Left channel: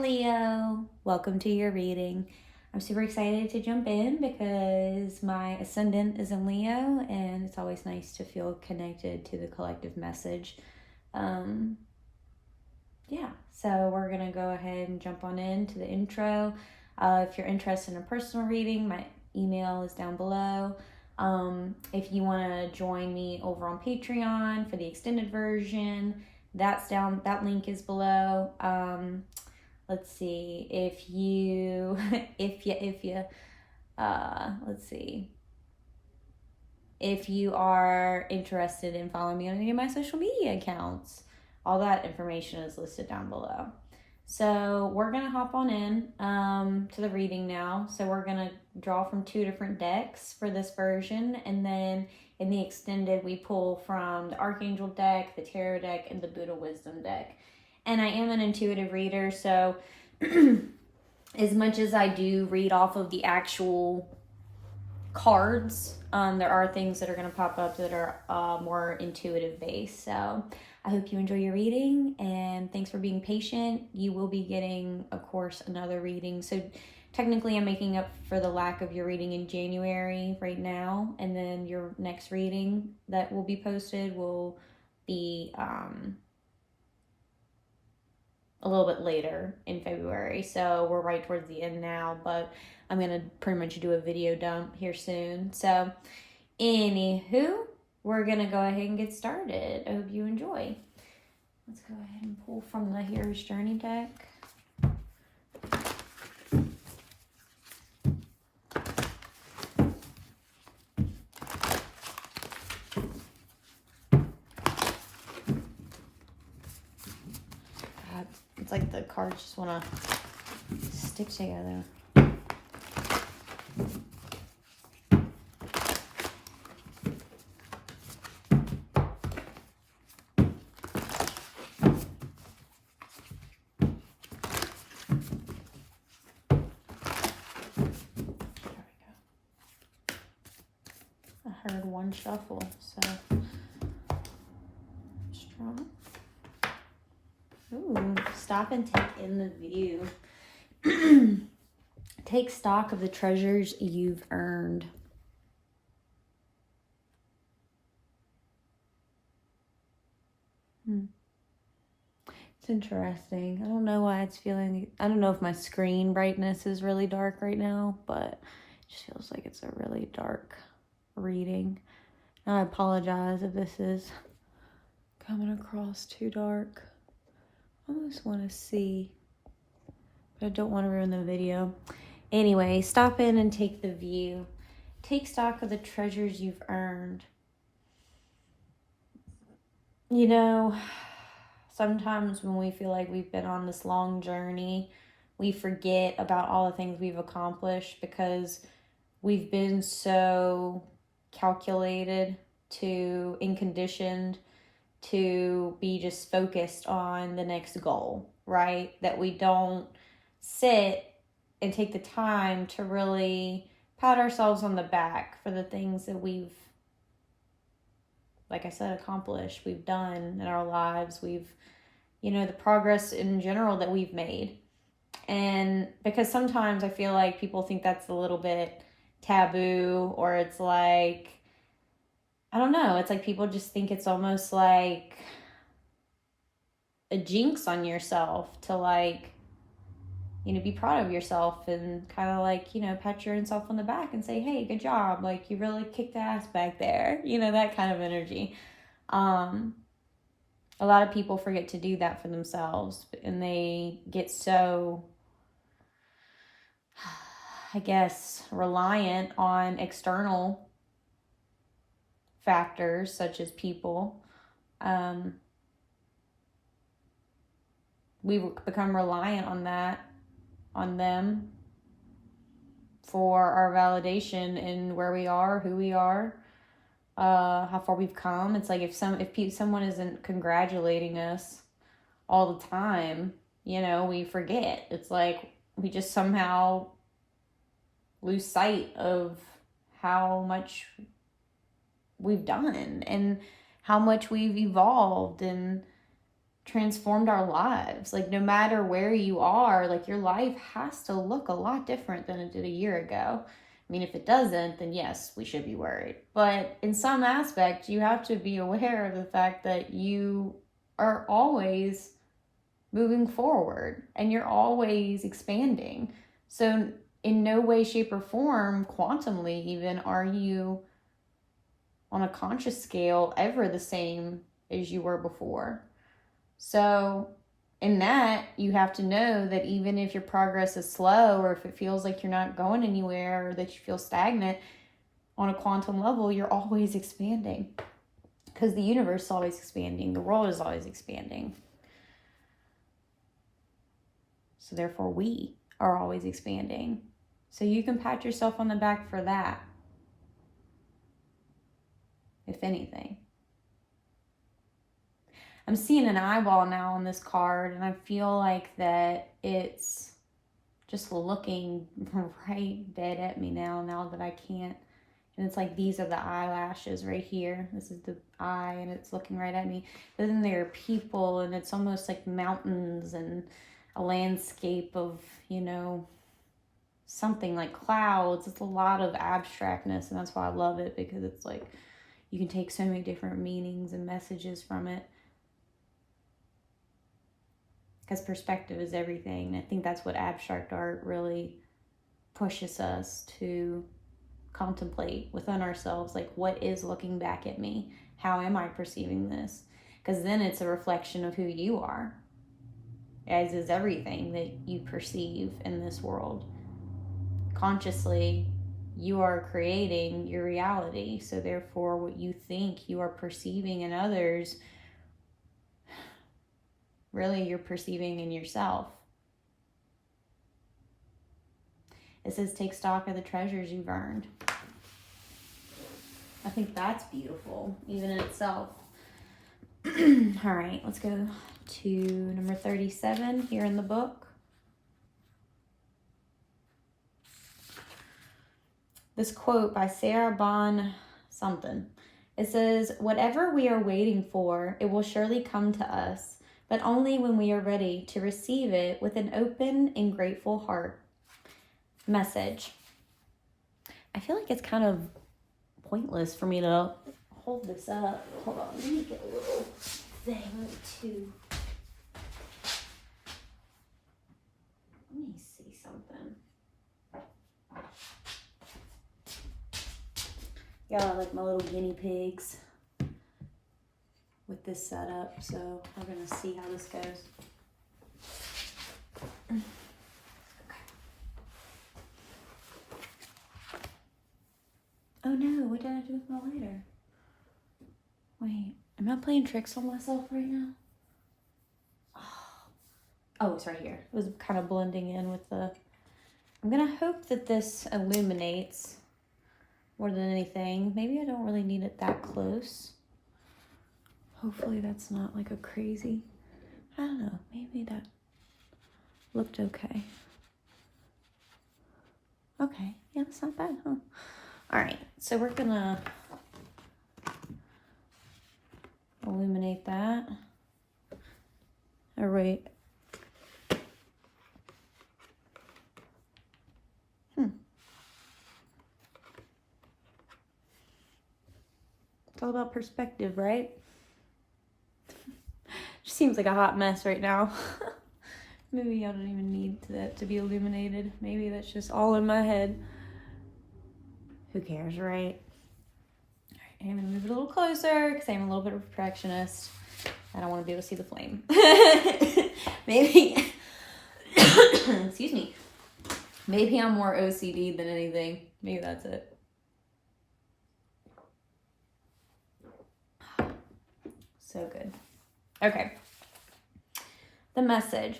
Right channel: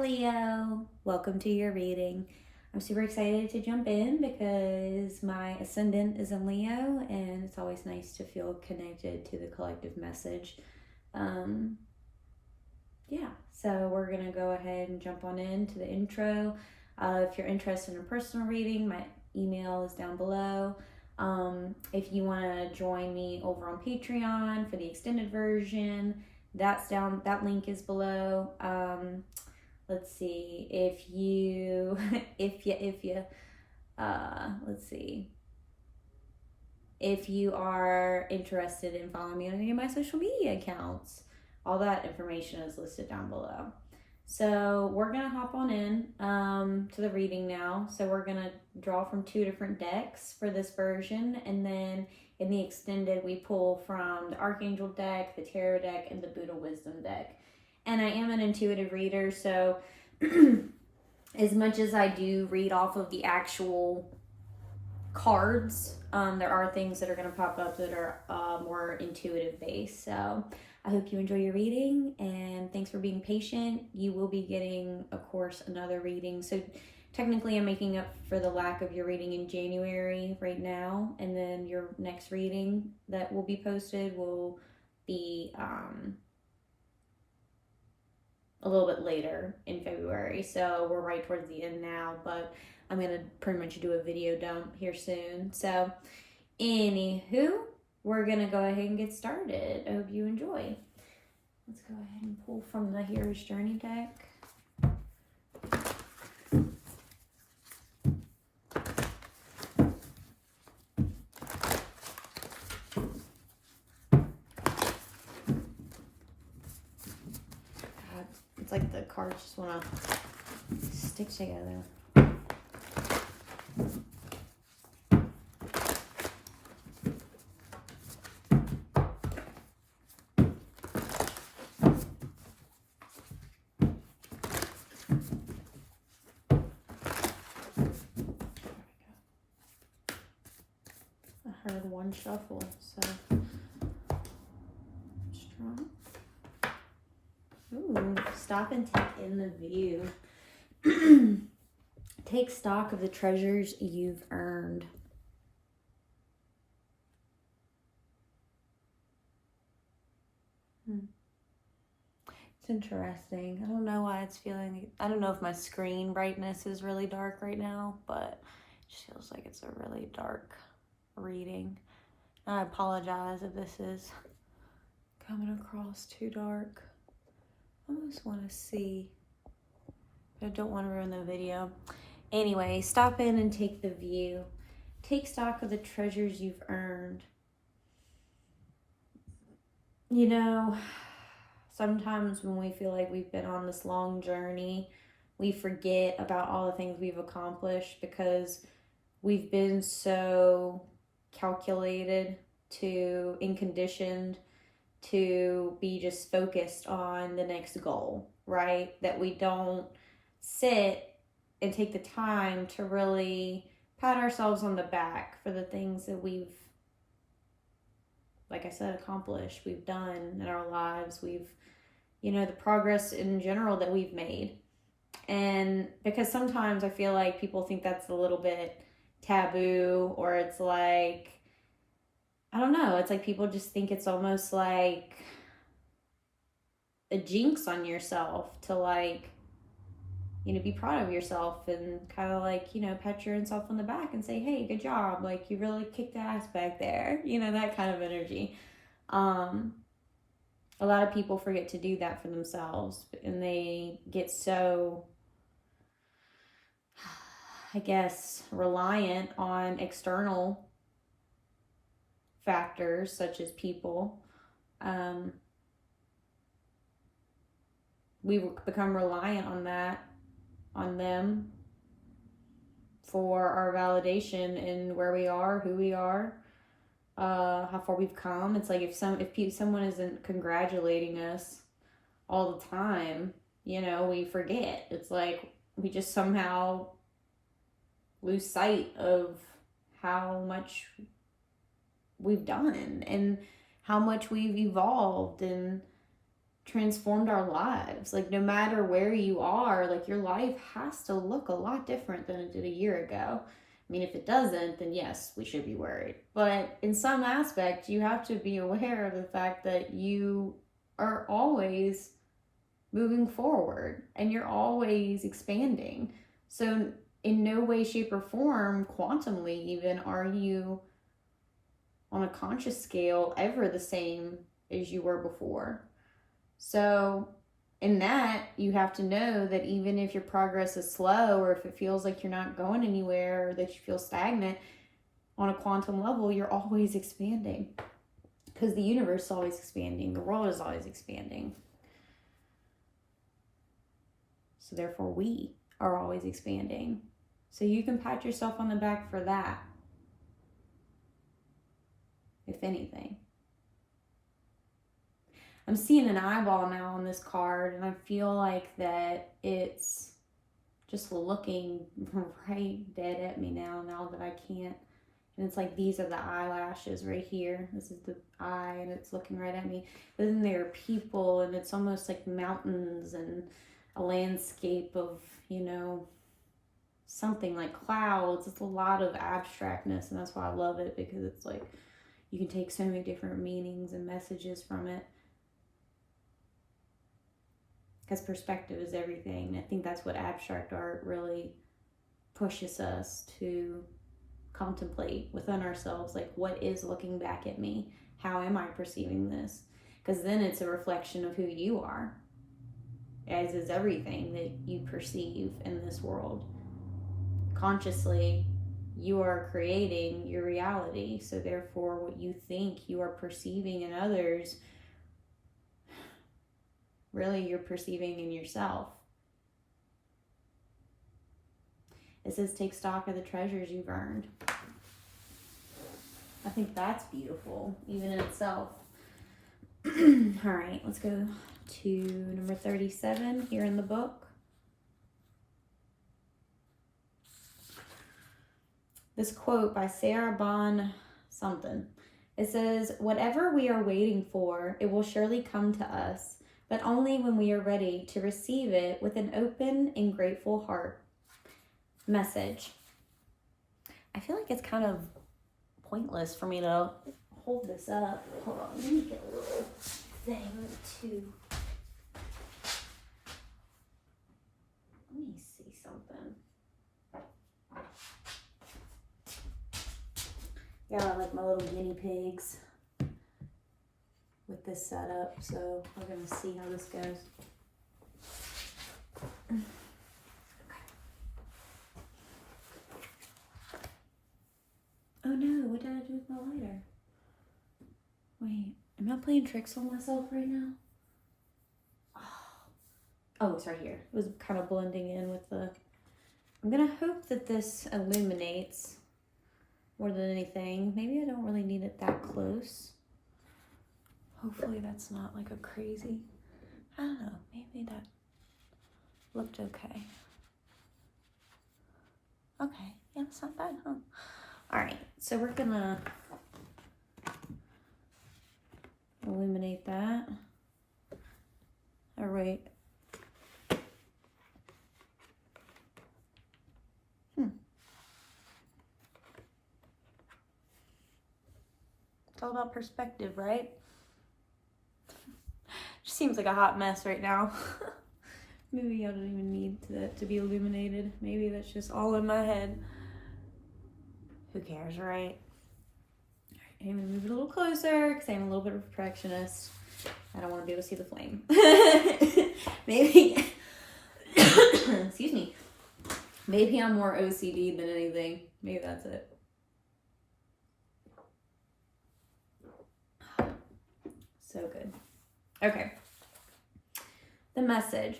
Leo, welcome to your reading. I'm super excited to jump in because my ascendant is in Leo and it's always nice to feel connected to the collective message. So we're going to go ahead and jump on into the intro. If you're interested in a personal reading, my email is down below. If you want to join me over on Patreon for the extended version, that's down, that link is below. Let's see, if you are interested in following me on any of my social media accounts, all that information is listed down below. So we're going to hop on in to the reading now. So we're going to draw from 2 different decks for this version. And then in the extended, we pull from the Archangel deck, the Tarot deck, and the Buddha Wisdom deck. And I am an intuitive reader, so as much as I do read off of the actual cards, there are things that are going to pop up that are more intuitive based. So I hope you enjoy your reading, and thanks for being patient. You will be getting, of course, another reading. So technically I'm making up for the lack of your reading in January right now, and then your next reading that will be posted will be a little bit later in February. So we're right towards the end now, but I'm going to pretty much do a video dump here soon. So anywho, we're going to go ahead and get started. I hope you enjoy. Let's go ahead and pull from the Hero's Journey deck. It's like the cards just want to stick together. I heard one shuffle, so strong. Ooh, stop and take in the view. Take stock of the treasures you've earned. It's interesting. I don't know why it's feeling, I don't know if my screen brightness is really dark right now, but it just feels like it's a really dark reading. And I apologize if this is coming across too dark. I almost want to see, but I don't want to ruin the video. Anyway, stop in and take the view. Take stock of the treasures you've earned. You know, sometimes when we feel like we've been on this long journey, we forget about all the things we've accomplished because we've been so calculated and conditioned to be just focused on the next goal, right? That we don't sit and take the time to really pat ourselves on the back for the things that we've, like I said, accomplished, we've done in our lives. We've, the progress in general that we've made. And because sometimes I feel like people think that's a little bit taboo, or it's like, I don't know, it's like people just think it's almost like a jinx on yourself to be proud of yourself and kind of pat yourself on the back and say, hey, good job. Like, you really kicked ass back there. That kind of energy. A lot of people forget to do that for themselves, and they get so, I guess, reliant on external factors such as people. We've become reliant on them for our validation in where we are, who we are, how far we've come. It's like if someone isn't congratulating us all the time, we forget. It's like we just somehow lose sight of how much we've done and how much we've evolved and transformed our lives. Like, no matter where you are, like, your life has to look a lot different than it did a year ago. I mean, if it doesn't, then yes, we should be worried. But in some aspect, you have to be aware of the fact that you are always moving forward and you're always expanding. So in no way, shape, or form, quantumly even, are you on a conscious scale ever the same as you were before. So in that, you have to know that even if your progress is slow, or if it feels like you're not going anywhere, or that you feel stagnant, on a quantum level, you're always expanding. Because the universe is always expanding. The world is always expanding. So therefore, we are always expanding. So you can pat yourself on the back for that. If anything. I'm seeing an eyeball now on this card, and I feel like that it's just looking right dead at me now that I can't. And it's like, these are the eyelashes right here. This is the eye, and it's looking right at me. But then there are people, and it's almost like mountains and a landscape of, you know, something like clouds. It's a lot of abstractness, and that's why I love it, because it's like you can take so many different meanings and messages from it. Because perspective is everything. And I think that's what abstract art really pushes us to contemplate within ourselves. Like, what is looking back at me? How am I perceiving this? Because then it's a reflection of who you are, as is everything that you perceive in this world. Consciously, you are creating your reality. So therefore, what you think you are perceiving in others, really you're perceiving in yourself. It says, take stock of the treasures you've earned. I think that's beautiful, even in itself. All right, let's go to number 37 here in the book. This quote by Sarah Bon something. It says, whatever we are waiting for, it will surely come to us, but only when we are ready to receive it with an open and grateful heart. Message. I feel like it's kind of pointless for me to hold this up. Hold on, let me get a little thing to... Let me see something. Got like my little guinea pigs with this setup, so we're gonna see how this goes. Okay. Oh no, what did I do with my lighter? Wait, am I playing tricks on myself right now? Oh, it's right here. It was kind of blending in with the... I'm gonna hope that this illuminates more than anything. Maybe I don't really need it that close. Hopefully that's not like a crazy... I don't know, maybe that looked okay. Okay, yeah, that's not bad, huh? Alright, so we're gonna illuminate that. Alright. It's all about perspective, right? Just seems like a hot mess right now. Maybe I don't even need that to be illuminated. Maybe that's just all in my head. Who cares, right? All right, I'm gonna move it a little closer because I'm a little bit of a perfectionist. I don't want to be able to see the flame. Maybe, excuse me. Maybe I'm more OCD than anything. Maybe that's it. So good. Okay. The message.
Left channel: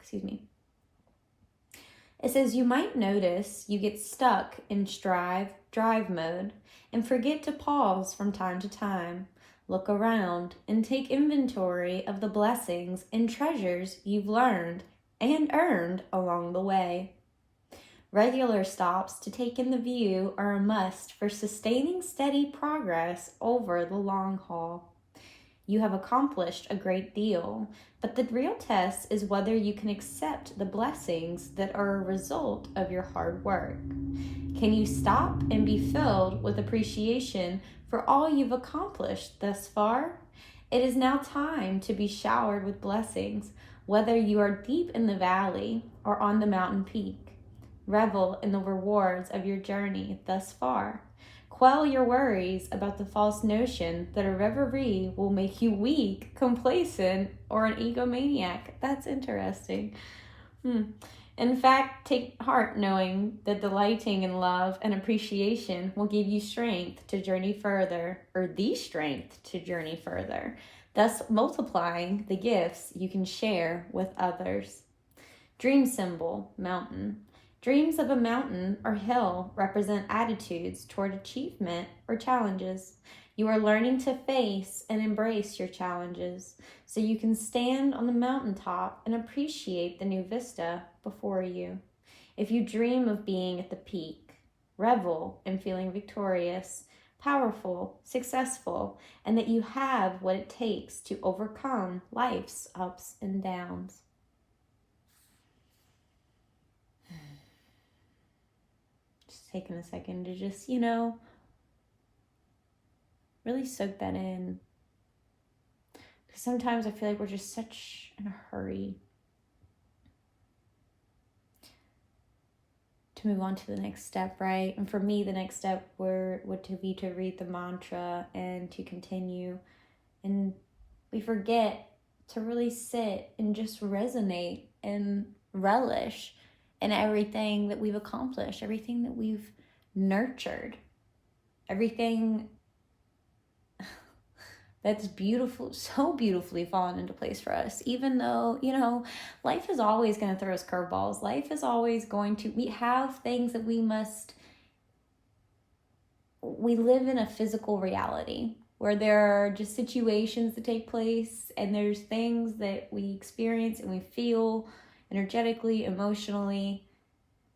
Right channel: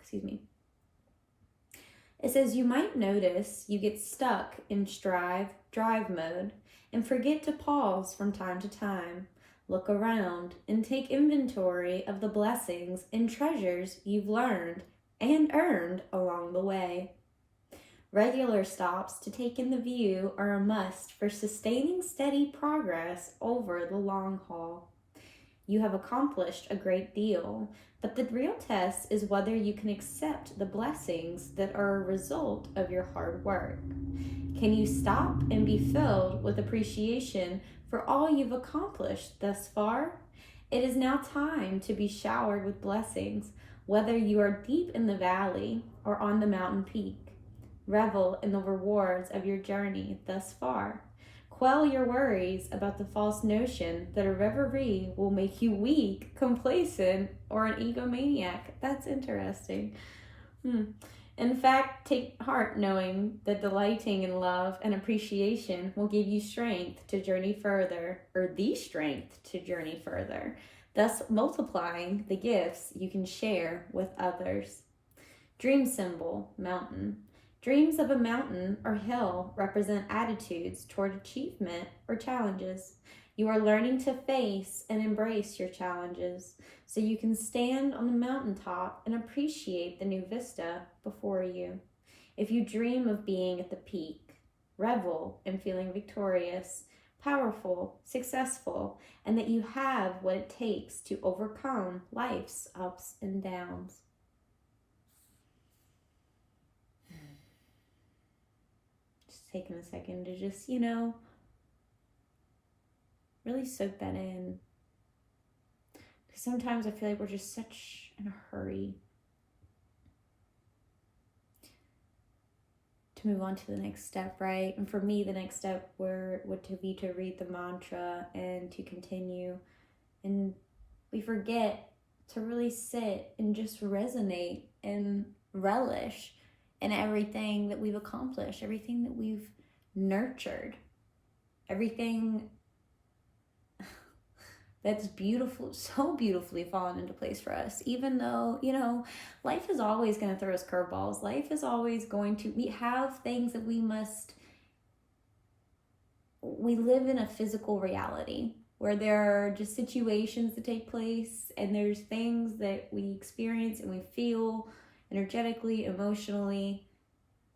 Excuse me. It says, you might notice you get stuck in drive mode and forget to pause from time to time, look around, and take inventory of the blessings and treasures you've learned and earned along the way. Regular stops to take in the view are a must for sustaining steady progress over the long haul. You have accomplished a great deal, but the real test is whether you can accept the blessings that are a result of your hard work. Can you stop and be filled with appreciation for all you've accomplished thus far? It is now time to be showered with blessings, whether you are deep in the valley or on the mountain peak. Revel in the rewards of your journey thus far. Quell your worries about the false notion that a reverie will make you weak, complacent, or an egomaniac. That's interesting. In fact, take heart knowing that delighting in love and appreciation will give you strength to journey further, or the strength to journey further, thus multiplying the gifts you can share with others. Dream symbol, mountain. Dreams of a mountain or hill represent attitudes toward achievement or challenges. You are learning to face and embrace your challenges so you can stand on the mountaintop and appreciate the new vista before you. If you dream of being at the peak, revel in feeling victorious, powerful, successful, and that you have what it takes to overcome life's ups and downs. Taking a second to just, really soak that in. Because sometimes I feel like we're just such in a hurry to move on to the next step, right? And for me, the next step would to be to read the mantra and to continue. And we forget to really sit and just resonate and relish in everything that we've accomplished, everything that we've nurtured, everything that's beautiful, so beautifully fallen into place for us. Even though, life is always going to throw us curveballs. Life is always we have things that we live in a physical reality where there are just situations that take place, and there's things that we experience and we feel energetically, emotionally,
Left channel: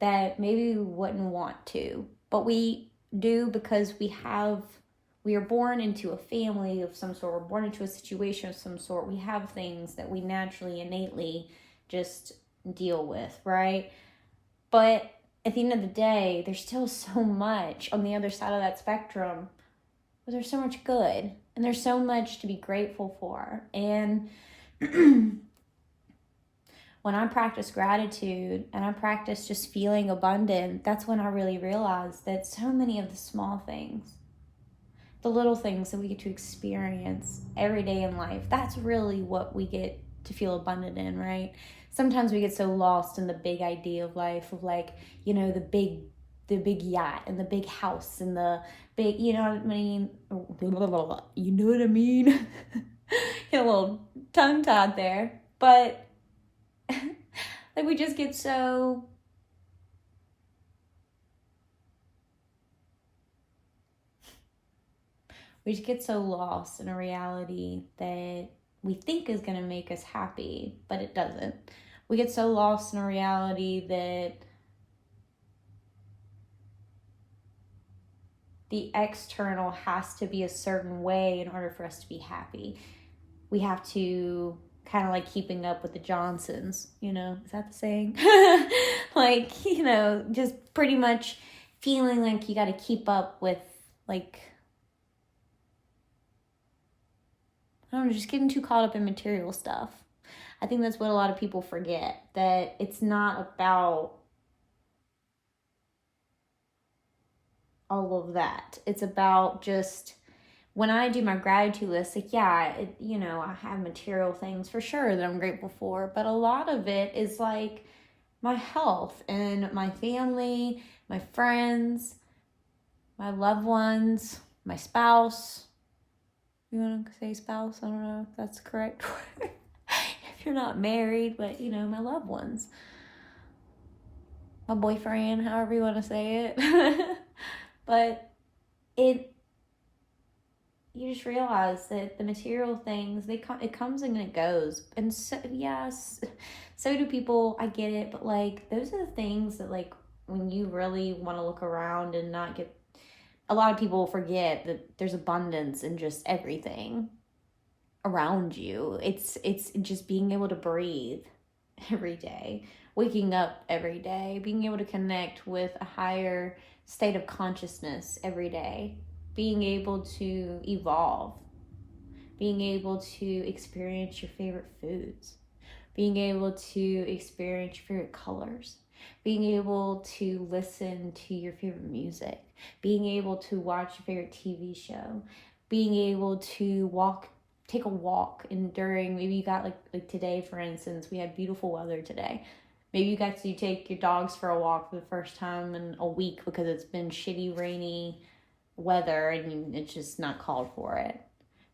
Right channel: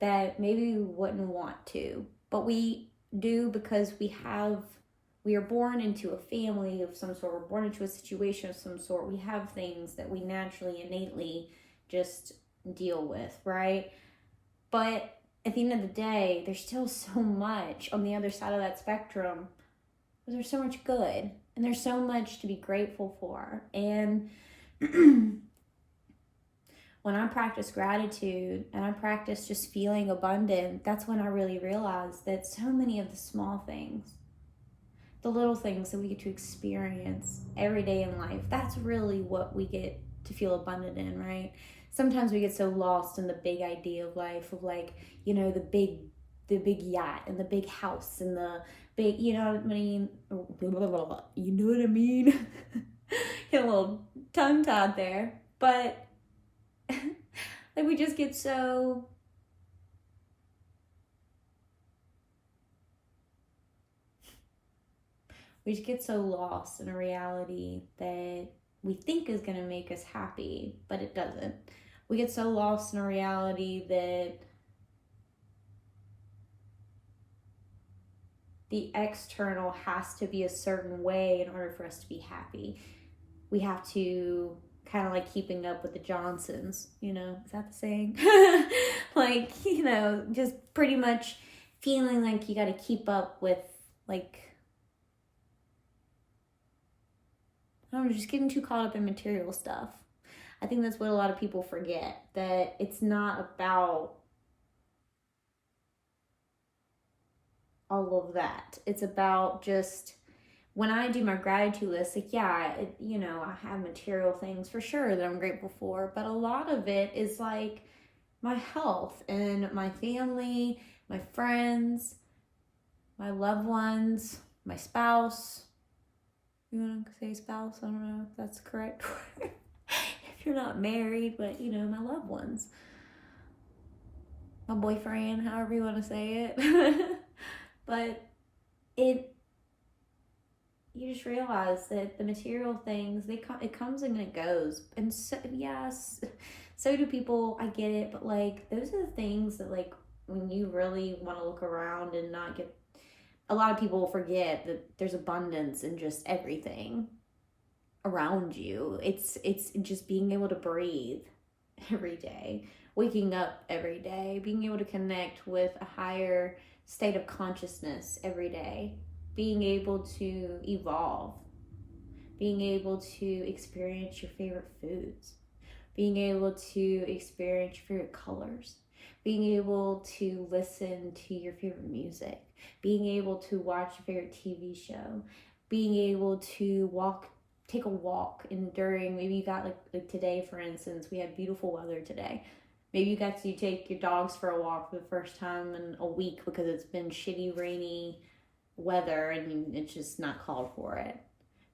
that maybe we wouldn't want to, but we do because we are born into a family of some sort, we're born into a situation of some sort. We have things that we naturally, innately just deal with, right? But at the end of the day, there's still so much on the other side of that spectrum. But there's so much good, and there's so much to be grateful for. And when I practice gratitude and I practice just feeling abundant, that's when I really realize that so many of the small things, the little things that we get to experience every day in life, that's really what we get to feel abundant in, right? Sometimes we get so lost in the big idea of life, of the big yacht and the big house and the big, you know what I mean? You know what I mean? Get a little tongue-tied there. But we just get so lost in a reality that we think is going to make us happy, but it doesn't. We get so lost in a reality that the external has to be a certain way in order for us to be happy. We have to kind of like keeping up with the Johnsons, is that the saying? Just pretty much feeling like you got to keep up with, just getting too caught up in material stuff. I think that's what a lot of people forget, that it's not about all of that. It's about just, when I do my gratitude list, I have material things for sure that I'm grateful for, but a lot of it is my health and my family, my friends, my loved ones, my spouse. You want to say spouse? I don't know if that's correct. If you're not married, but my loved ones. My boyfriend, however you want to say it. But you just realize that the material things, it comes and it goes. And so, yes, so do people, I get it, but those are the things that when you really want to look around and not get, a lot of people forget that there's abundance in just everything. around you. It's just being able to breathe every day, waking up every day, being able to connect with a higher state of consciousness every day, being able to evolve, being able to experience your favorite foods, being able to experience your favorite colors, being able to listen to your favorite music, being able to watch your favorite TV show, being able to take a walk, and during, maybe you got like today, for instance, we had beautiful weather today. Maybe you got to take your dogs for a walk for the first time in a week because it's been shitty, rainy weather and it's just not called for it.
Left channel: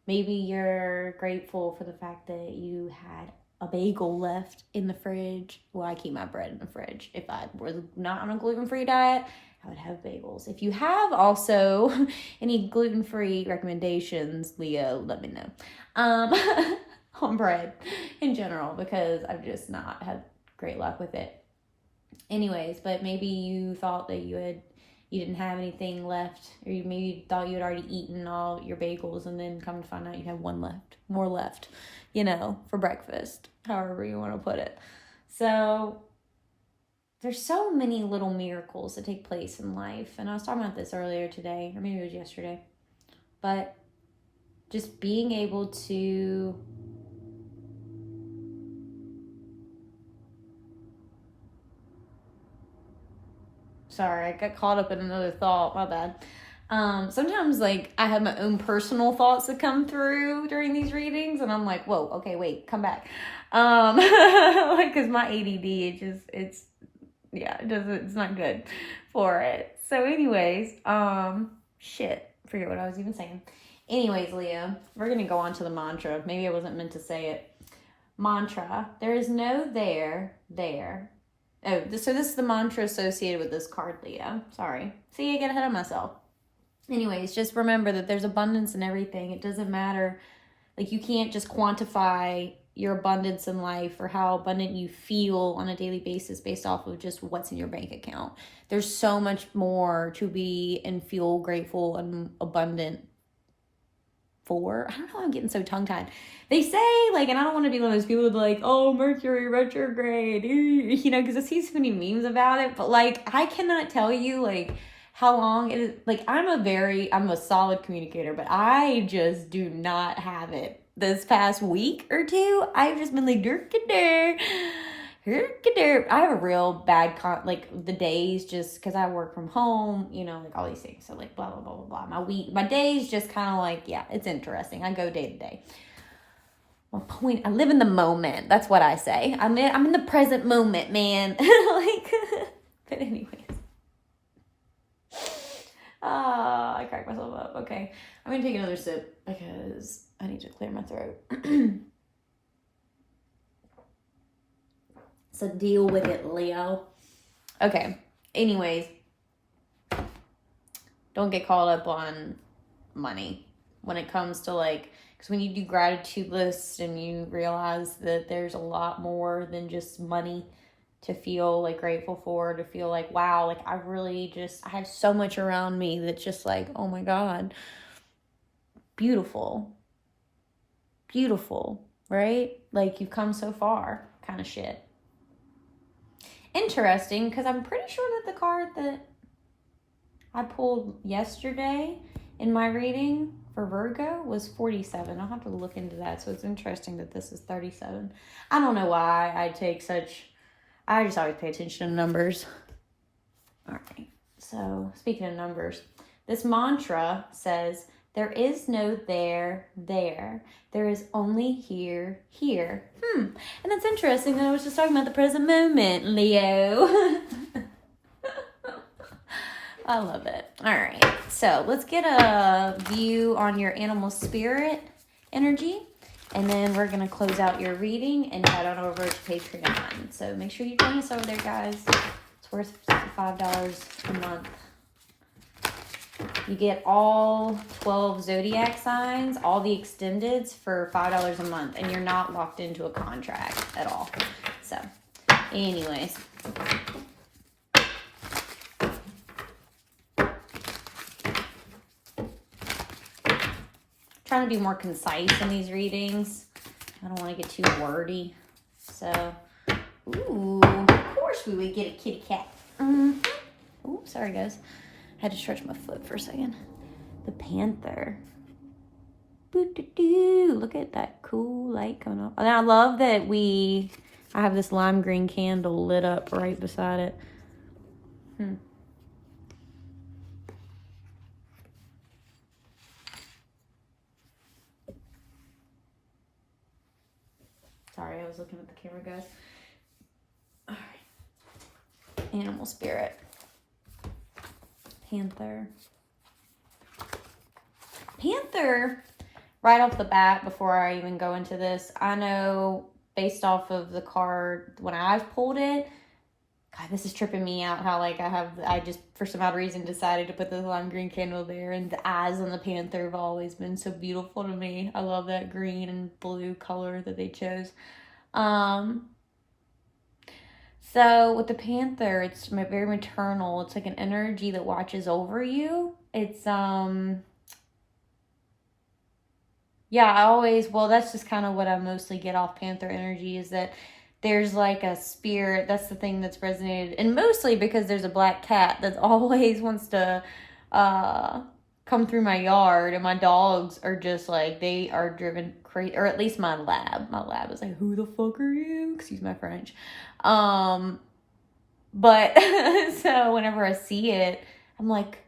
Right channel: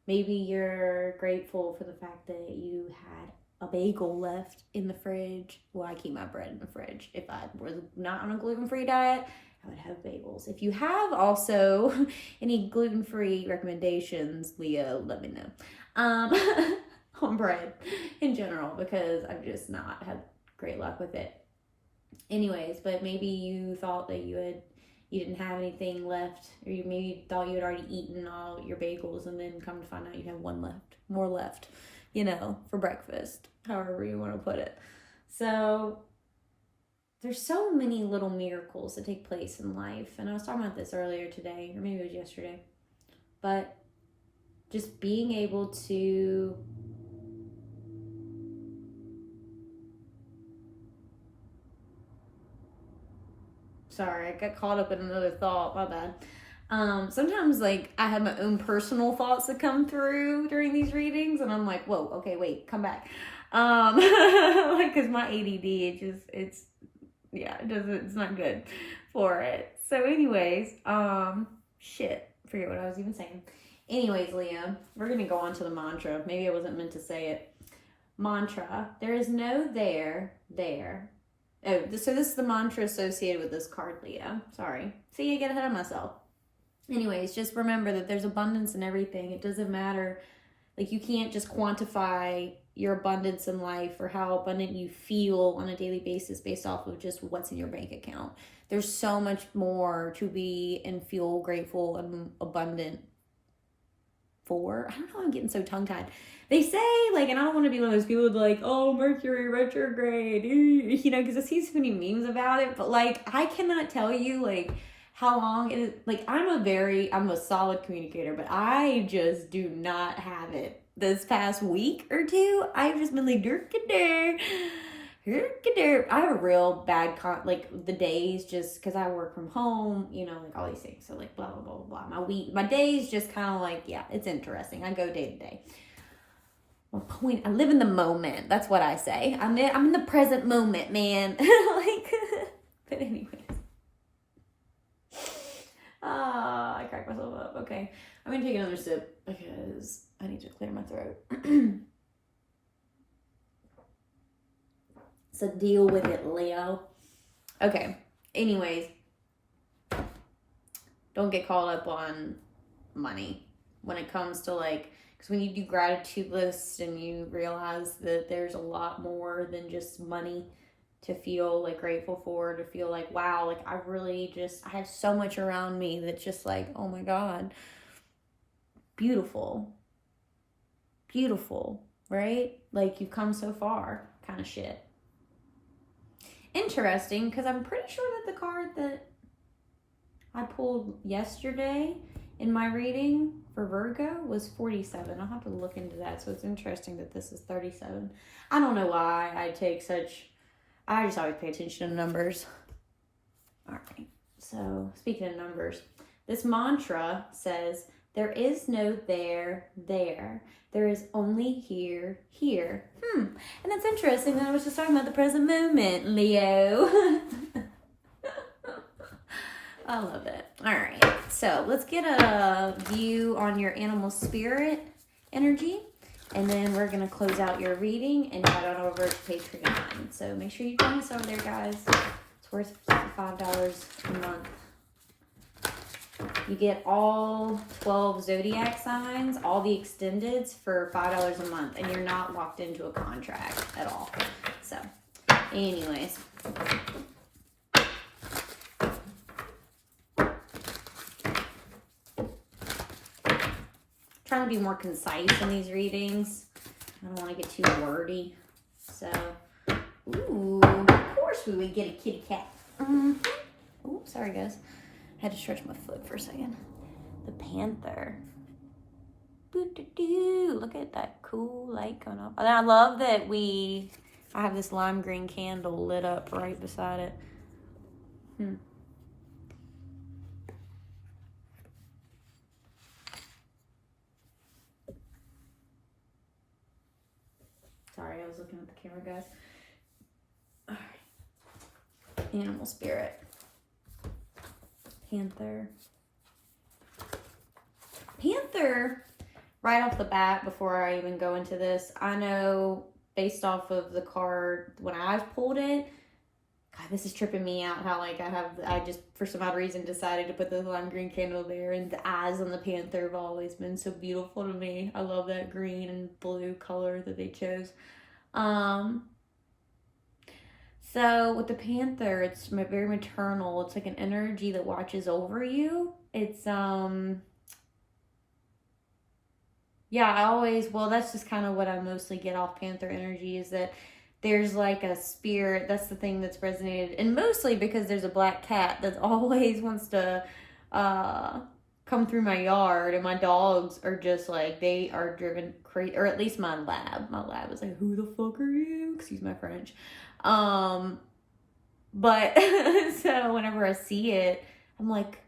Maybe you're grateful for the fact that you had a bagel left in the fridge. Well, I keep my bread in the fridge. If I was not on a gluten-free diet, I would have bagels. If you have also any gluten-free recommendations, Leo, let me know. On bread in general, because I've just not had great luck with it. Anyways, but maybe you thought that you didn't have anything left, or you maybe thought you had already eaten all your bagels, and then come to find out you have more left, for breakfast, however you want to put it. So there's so many little miracles that take place in life. And I was talking about this earlier today, or maybe it was yesterday, but just being able to sorry, I got caught up in another thought, my bad. Sometimes I have my own personal thoughts that come through during these readings, and I'm like, whoa, okay, wait, come back. Cause my ADD, it's not good for it. So anyways, forget what I was even saying. Anyways, Leo, we're going to go on to the mantra. Maybe I wasn't meant to say it. Mantra, there is no there. Oh, so this is the mantra associated with this card, Leo. Sorry. See, I get ahead of myself. Anyways, just remember that there's abundance in everything. It doesn't matter. You can't just quantify your abundance in life or how abundant you feel on a daily basis based off of just what's in your bank account. There's so much more to be and feel grateful and abundant for. I don't know, I'm getting so tongue-tied. They say, and I don't want to be one of those people that oh, Mercury retrograde, because I see so many memes about it, but I cannot tell you how long it is. I'm a solid communicator, but I just do not have it. This past week or two, I've just been I have a real bad the days, just because I work from home, all these things. So blah, blah, blah, blah, blah. My days just kind of it's interesting. I go day to day. My point, I live in the moment. That's what I say. I'm in the present moment, man. But anyways. I cracked myself up. Okay. I'm going to take another sip because I need to clear my throat. So deal with it, Leo. Okay. Anyways, don't get caught up on money when it comes to because when you do gratitude lists and you realize that there's a lot more than just money to feel grateful for, to feel wow, I have so much around me that's just oh my God, beautiful, right? You've come so far kind of shit. Interesting, because I'm pretty sure that the card that I pulled yesterday in my reading for Virgo was 47. I'll have to look into that. So it's interesting that this is 37. I don't know why I just always pay attention to numbers. All right. So speaking of numbers, this mantra says, there is no there. There is only here. And that's interesting. I was just talking about the present moment, Leo. I love it. All right. So let's get a view on your animal spirit energy. And then we're going to close out your reading and head on over to Patreon. So make sure you join us over there, guys. It's worth $5 a month. You get all 12 zodiac signs, all the extendeds for $5 a month. And you're not locked into a contract at all. So anyways. trying to be more concise in these readings. I don't want to get too wordy. So, ooh, of course we would get a kitty cat. Ooh, sorry guys. I had to stretch my foot for a second. The Panther. Look at that cool light coming up. And I love that I have this lime green candle lit up right beside it. Sorry, I was looking at the camera, guys. All right. Animal spirit. Panther. Panther, right off the bat, before I even go into this, I know based off of the card, when I've pulled it, God, this is tripping me out how like I just for some odd reason decided to put the lime green candle there, and the eyes on the panther have always been so beautiful to me. I love that green and blue color that they chose. So with the panther, it's very maternal. It's like an energy that watches over you. It's that's just kind of what I mostly get off panther energy, is that there's like a spirit. That's the thing that's resonated. And mostly because there's a black cat that always wants to come through my yard. And my dogs are just like, they are driven crazy. Or at least my lab. My lab is like, who the fuck are you? Excuse my French. But so whenever I see it, I'm like,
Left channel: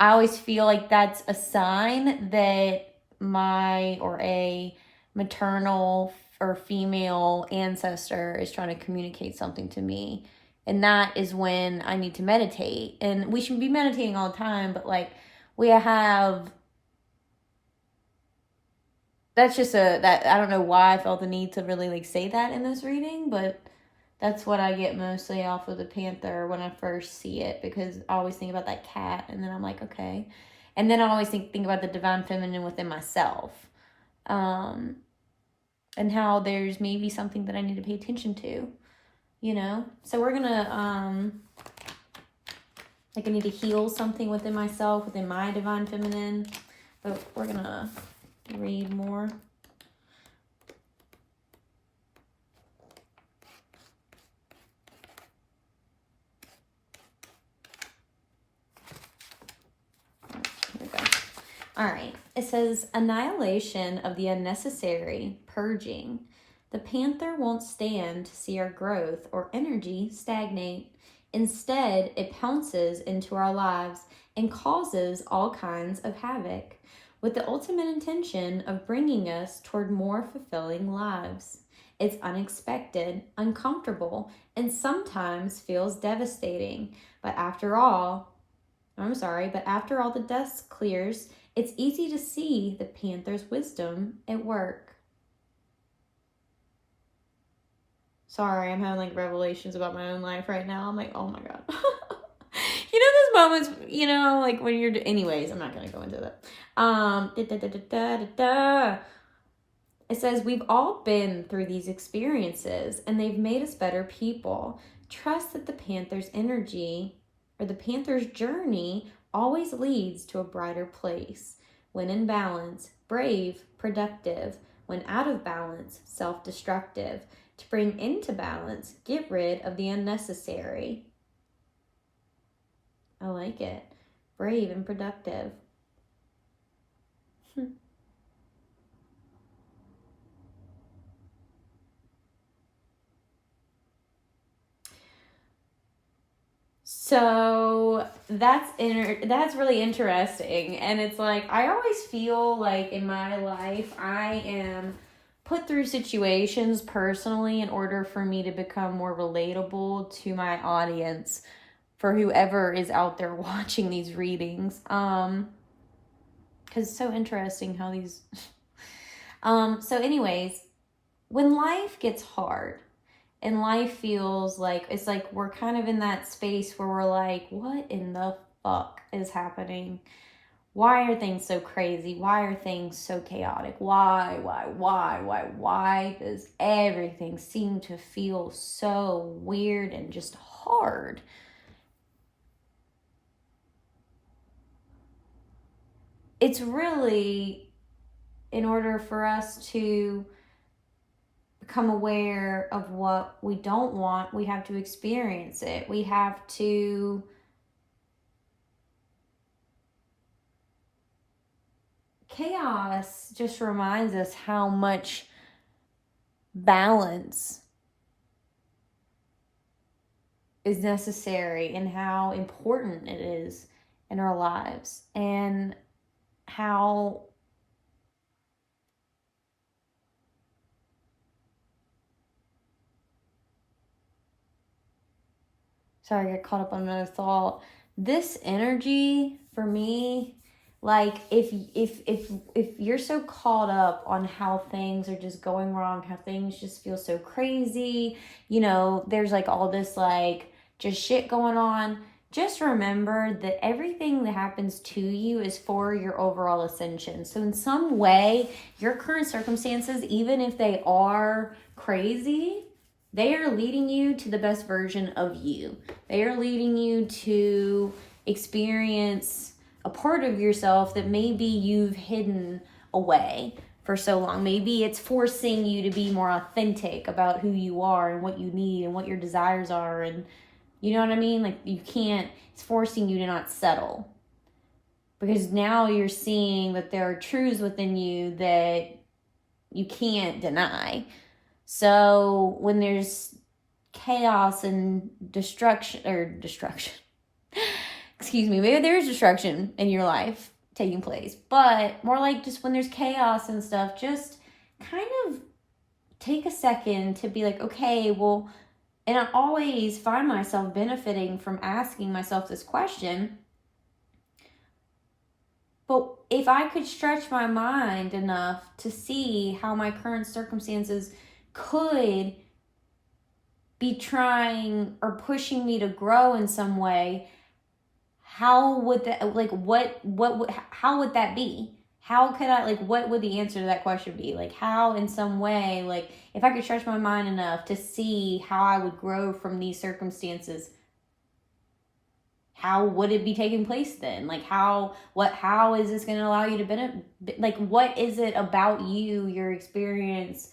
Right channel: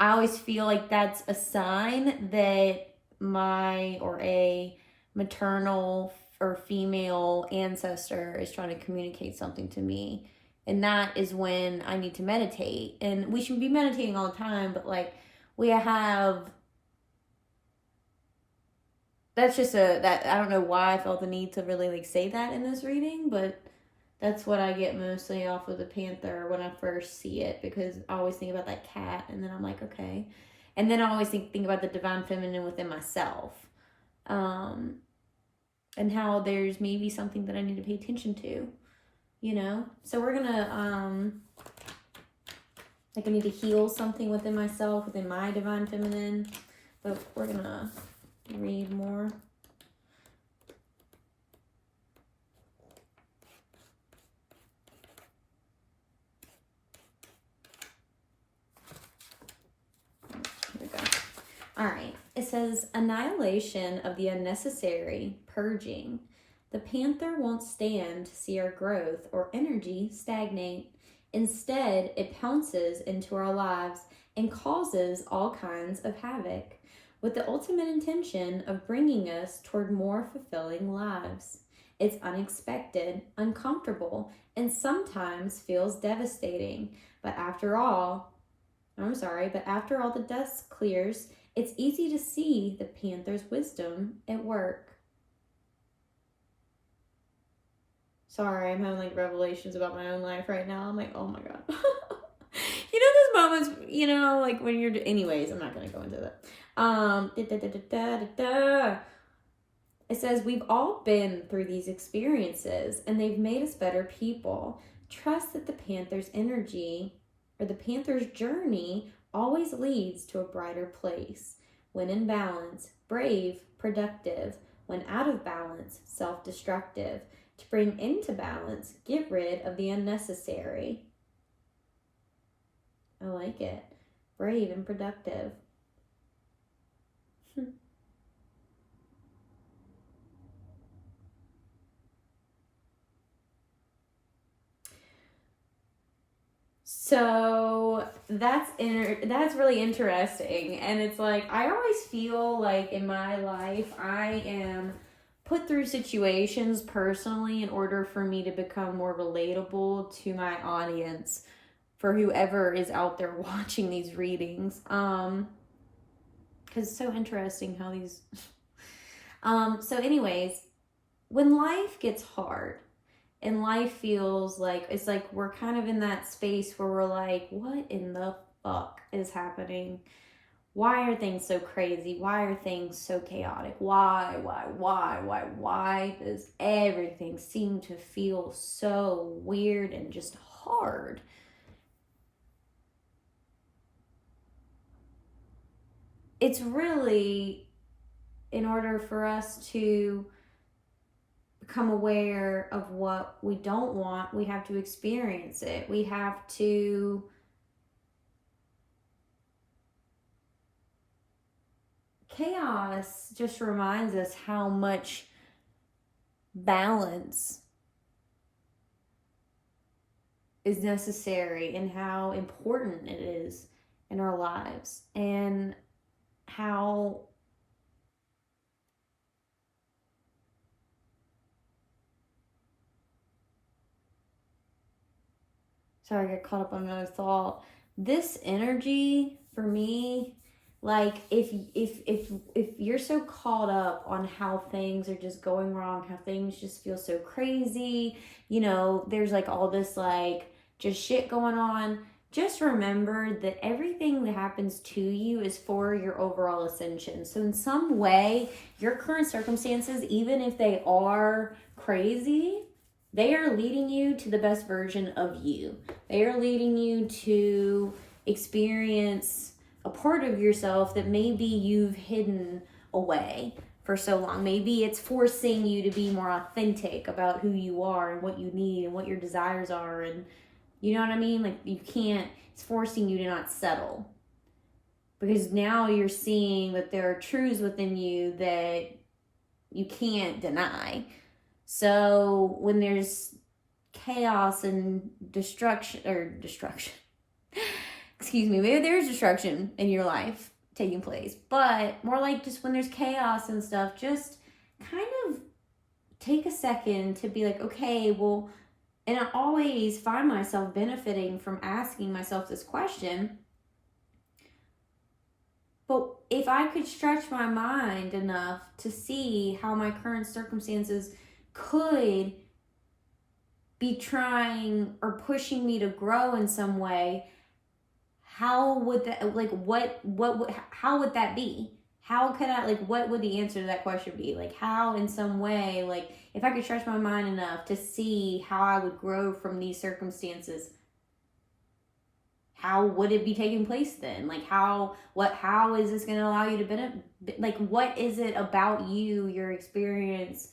I always feel like that's a sign that a maternal or female ancestor is trying to communicate something to me. And that is when I need to meditate. And we should be meditating all the time, but like that's just that I don't know why I felt the need to really like say that in this reading, but that's what I get mostly off of the panther when I first see it, because I always think about that cat, and then I'm like, okay. And then I always think about the divine feminine within myself. And how there's maybe something that I need to pay attention to, you know? So we're gonna, like I need to heal something within myself, within my divine feminine, but we're gonna read more. Here we go. All right. It says, annihilation of the unnecessary, purging. The panther won't stand to see our growth or energy stagnate. Instead, it pounces into our lives and causes all kinds of havoc, with the ultimate intention of bringing us toward more fulfilling lives. It's unexpected, uncomfortable, and sometimes feels devastating. But after all the dust clears, it's easy to see the panther's wisdom at work. Sorry, I'm having like revelations about my own life right now. I'm like, oh my God. You know those moments, you know, like when you're, anyways, I'm not going to go into that. It says, we've all been through these experiences and they've made us better people. Trust that the panther's journey always leads to a brighter place. When in balance, brave, productive. When out of balance, self-destructive. To bring into balance, get rid of the unnecessary. I like it. Brave and productive. So that's really interesting. And it's like, I always feel like in my life, I am put through situations personally in order for me to become more relatable to my audience, for whoever is out there watching these readings. Because it's so interesting how these... So anyways, when life gets hard, and life feels like, it's like we're kind of in that space where we're like, what in the fuck is happening? Why are things so crazy? Why are things so chaotic? Why does everything seem to feel so weird and just hard? it's really, in order for us to become aware of what we don't want, we have to experience it. We have to chaos just reminds us how much balance is necessary and how important it is in our lives, and how sorry, I got caught up on another thought. This energy for me, like if you're so caught up on how things are just going wrong, how things just feel so crazy, you know, there's like all this like just shit going on. Just remember that everything that happens to you is for your overall ascension. So in some way, your current circumstances, even if they are crazy, they are leading you to the best version of you. They are leading you to experience a part of yourself that maybe you've hidden away for so long. Maybe it's forcing you to be more authentic about who you are and what you need and what your desires are. And you know what I mean? Like you can't, it's forcing you to not settle. Because now you're seeing that there are truths within you that you can't deny. So when there's chaos and destruction, excuse me, maybe there's destruction in your life taking place, but more like just when there's chaos and stuff, just kind of take a second to be like, okay, well, and I always find myself benefiting from asking myself this question. But if I could stretch my mind enough to see how my current circumstances could be trying or pushing me to grow in some way, how would that, like, how would that be? How could I, like, what would the answer to that question be? Like, how in some way, like, if I could stretch my mind enough to see how I would grow from these circumstances, how would it be taking place then? Like, how is this going to allow you to benefit? Like, what is it about you, your experience,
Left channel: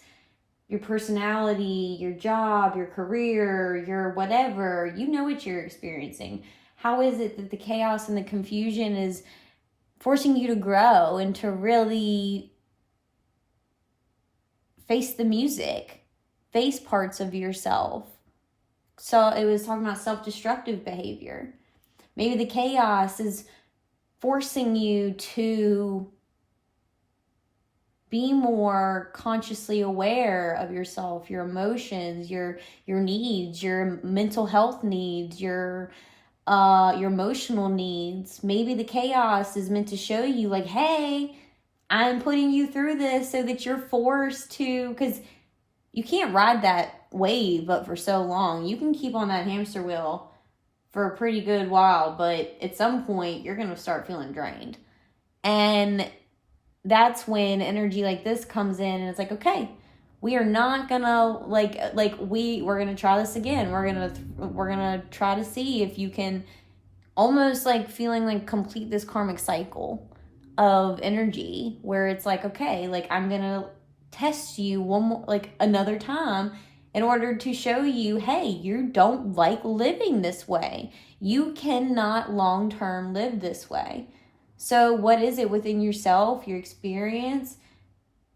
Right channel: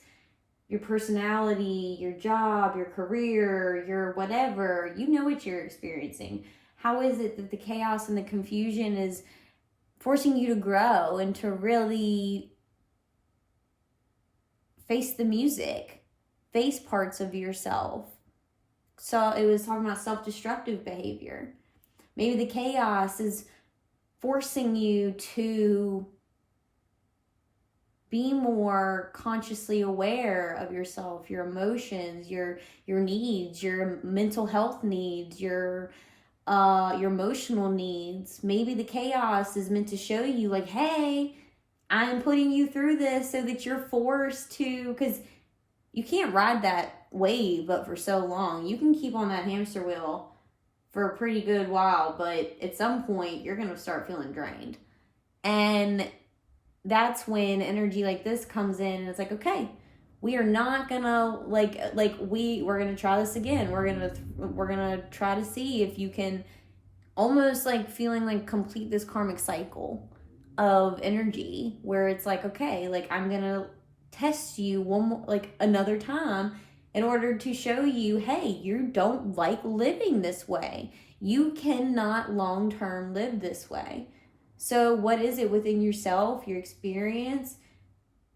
your personality, your job, your career, your whatever, you know what you're experiencing. How is it that the chaos and the confusion is forcing you to grow and to really face the music, face parts of yourself? So it was talking about self-destructive behavior. Maybe the chaos is forcing you to be more consciously aware of yourself, your emotions, your needs, your mental health needs, your emotional needs. Maybe the chaos is meant to show you like, hey, I'm putting you through this so that you're forced to, because you can't ride that wave up for so long. You can keep on that hamster wheel for a pretty good while, but at some point you're going to start feeling drained. And that's when energy like this comes in and it's like, okay, we are not gonna we're gonna try this again. We're gonna try to see if you can, almost like feeling like complete this karmic cycle of energy where it's like, okay, like I'm gonna test you one more, like another time, in order to show you, hey, you don't like living this way. You cannot long-term live this way. So what is it within yourself, your experience,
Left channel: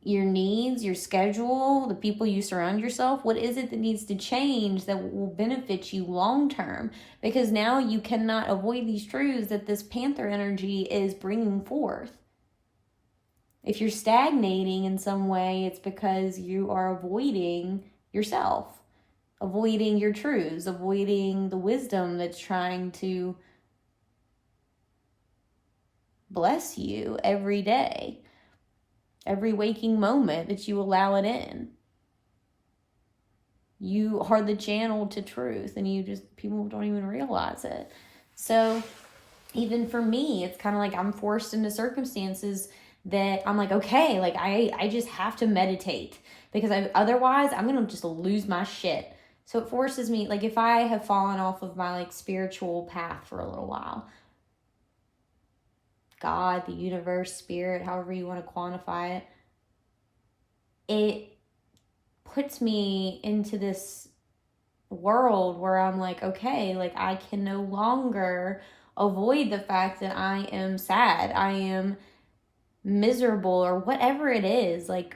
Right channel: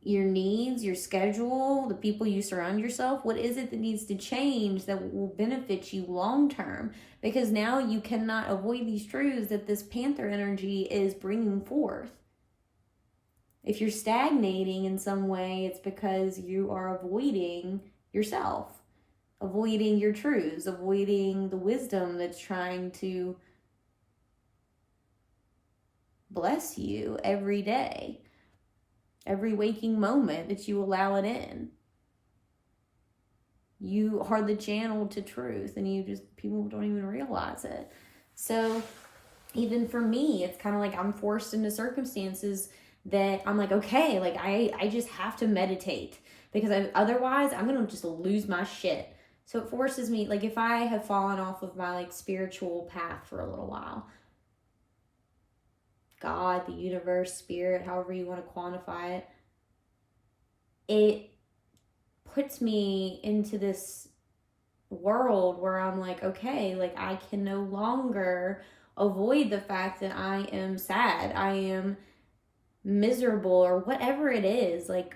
your needs, your schedule, the people you surround yourself? What is it that needs to change that will benefit you long term? Because now you cannot avoid these truths that this panther energy is bringing forth. If you're stagnating in some way, it's because you are avoiding yourself, avoiding your truths, avoiding the wisdom that's trying to bless you every day, every waking moment that you allow it in. You are the channel to truth, and people don't even realize it. So even for me, it's kind of like I'm forced into circumstances that I'm like, okay, like I just have to meditate, because otherwise I'm going to just lose my shit. So it forces me, like if I have fallen off of my like spiritual path for a little while, God, the universe, spirit, however you want to quantify it, it puts me into this world where I'm like, okay, like I can no longer avoid the fact that I am sad, I am miserable, or whatever it is. Like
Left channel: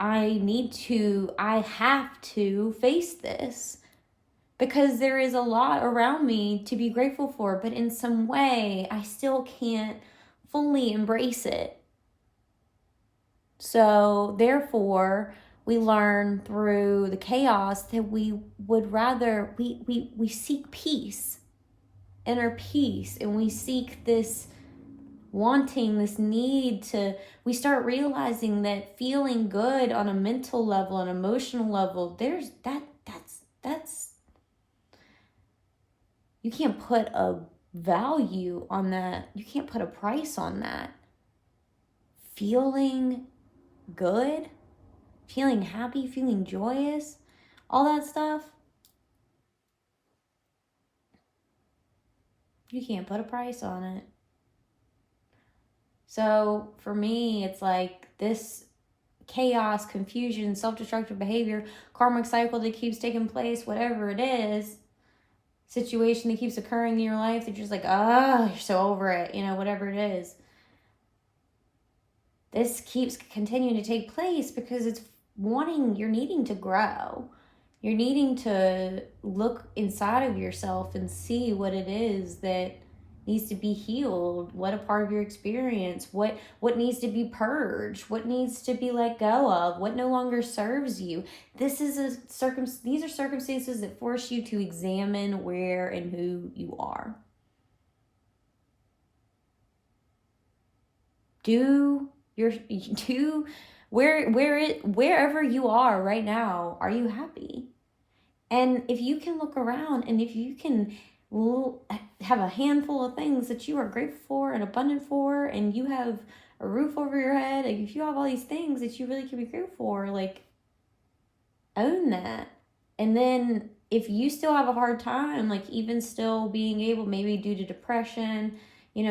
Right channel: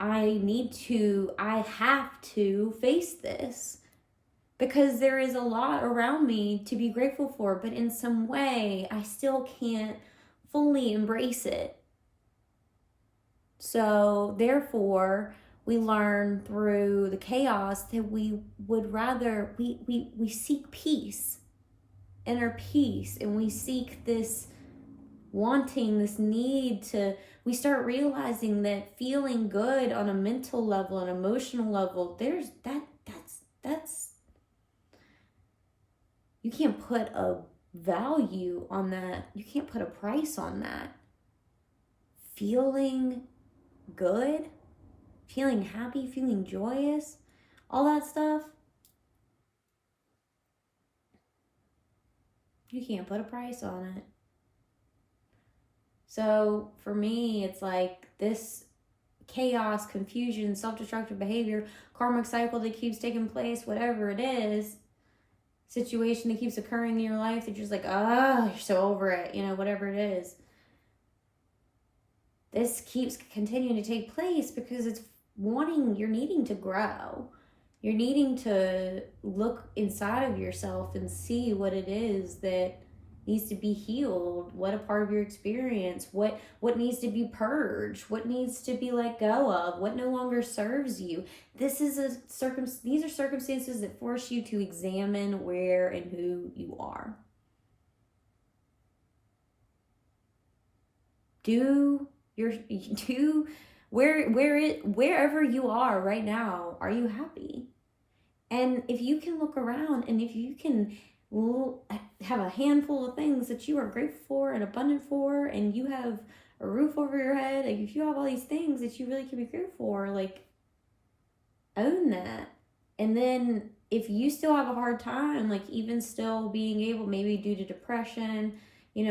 I have to face this, because there is a lot around me to be grateful for, but in some way I still can't fully embrace it. So therefore, we learn through the chaos that we would rather, we seek peace, inner peace, and we seek this wanting, this need to, we start realizing that feeling good on a mental level, an emotional level, that's you can't put a value on that. You can't put a price on that. Feeling good, feeling happy, feeling joyous, all that stuff, you can't put a price on it. So for me, it's like this chaos, confusion, self-destructive behavior, karmic cycle that keeps taking place, whatever it is, situation that keeps occurring in your life that you're just like, you're so over it, whatever it is. This keeps continuing to take place because you're needing to grow. You're needing to look inside of yourself and see what it is that needs to be healed, what a part of your experience, what needs to be purged, what needs to be let go of, what no longer serves you. These are circumstances that force you to examine where and who you are. Wherever you are right now, are you happy? And if you can look around, and if you can have a handful of things that you are grateful for and abundant for, and you have a roof over your head, like if you have all these things that you really can be grateful for, like own that. And then if you still have a hard time, like even still being able, maybe due to depression,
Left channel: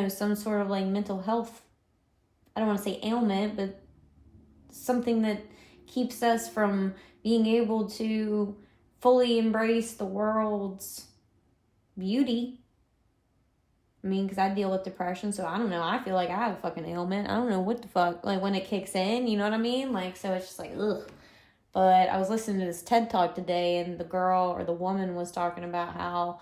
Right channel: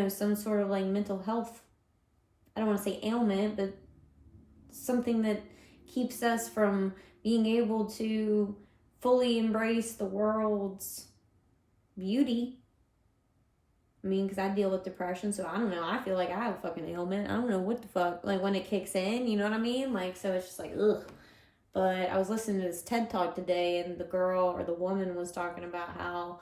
some sort of like mental health, I don't want to say ailment, but something that keeps us from being able to fully embrace the world's beauty. I mean, because I deal with depression, so I don't know. I feel like I have a fucking ailment. I don't know what the fuck, like when it kicks in, you know what I mean? Like, so it's just like, ugh. But I was listening to this TED Talk today, and the girl or the woman was talking about how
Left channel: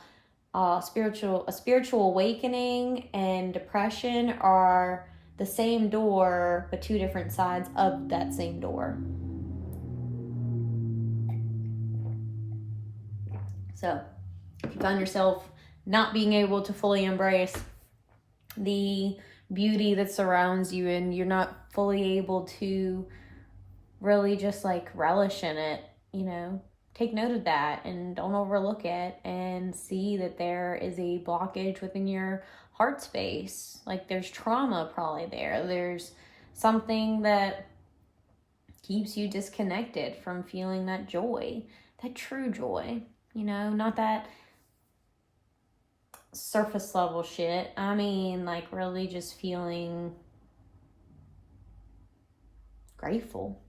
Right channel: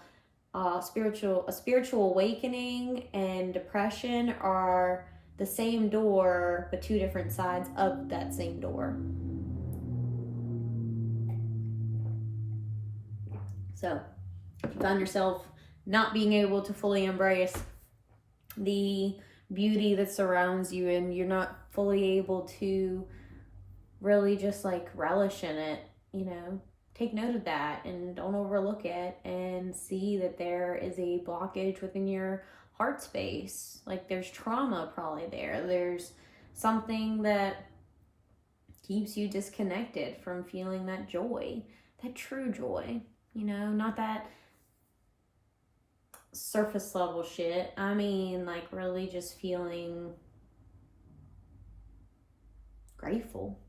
a spiritual awakening and depression are the same door, but two different sides of that same door. So if you find yourself not being able to fully embrace the beauty that surrounds you, and you're not fully able to really just like relish in it, take note of that and don't overlook it, and see that there is a blockage within your heart space. Like there's trauma probably there. There's something that keeps you disconnected from feeling that joy, that true joy, not that surface level shit. I mean, like really just feeling grateful.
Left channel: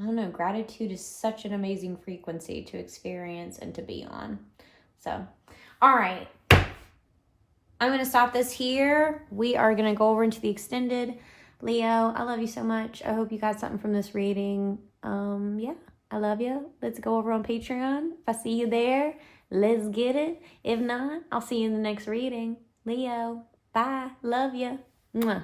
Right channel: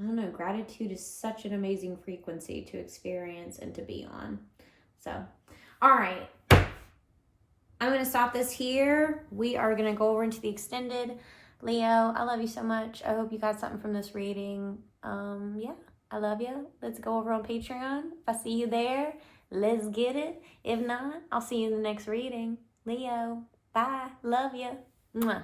I don't know, gratitude is such an amazing frequency to experience and to be on. So, all right. I'm going to stop this here. We are going to go over into the extended. Leo, I love you so much. I hope you got something from this reading. Yeah, I love you. Let's go over on Patreon. If I see you there, let's get it. If not, I'll see you in the next reading. Leo, bye. Love you. Mwah.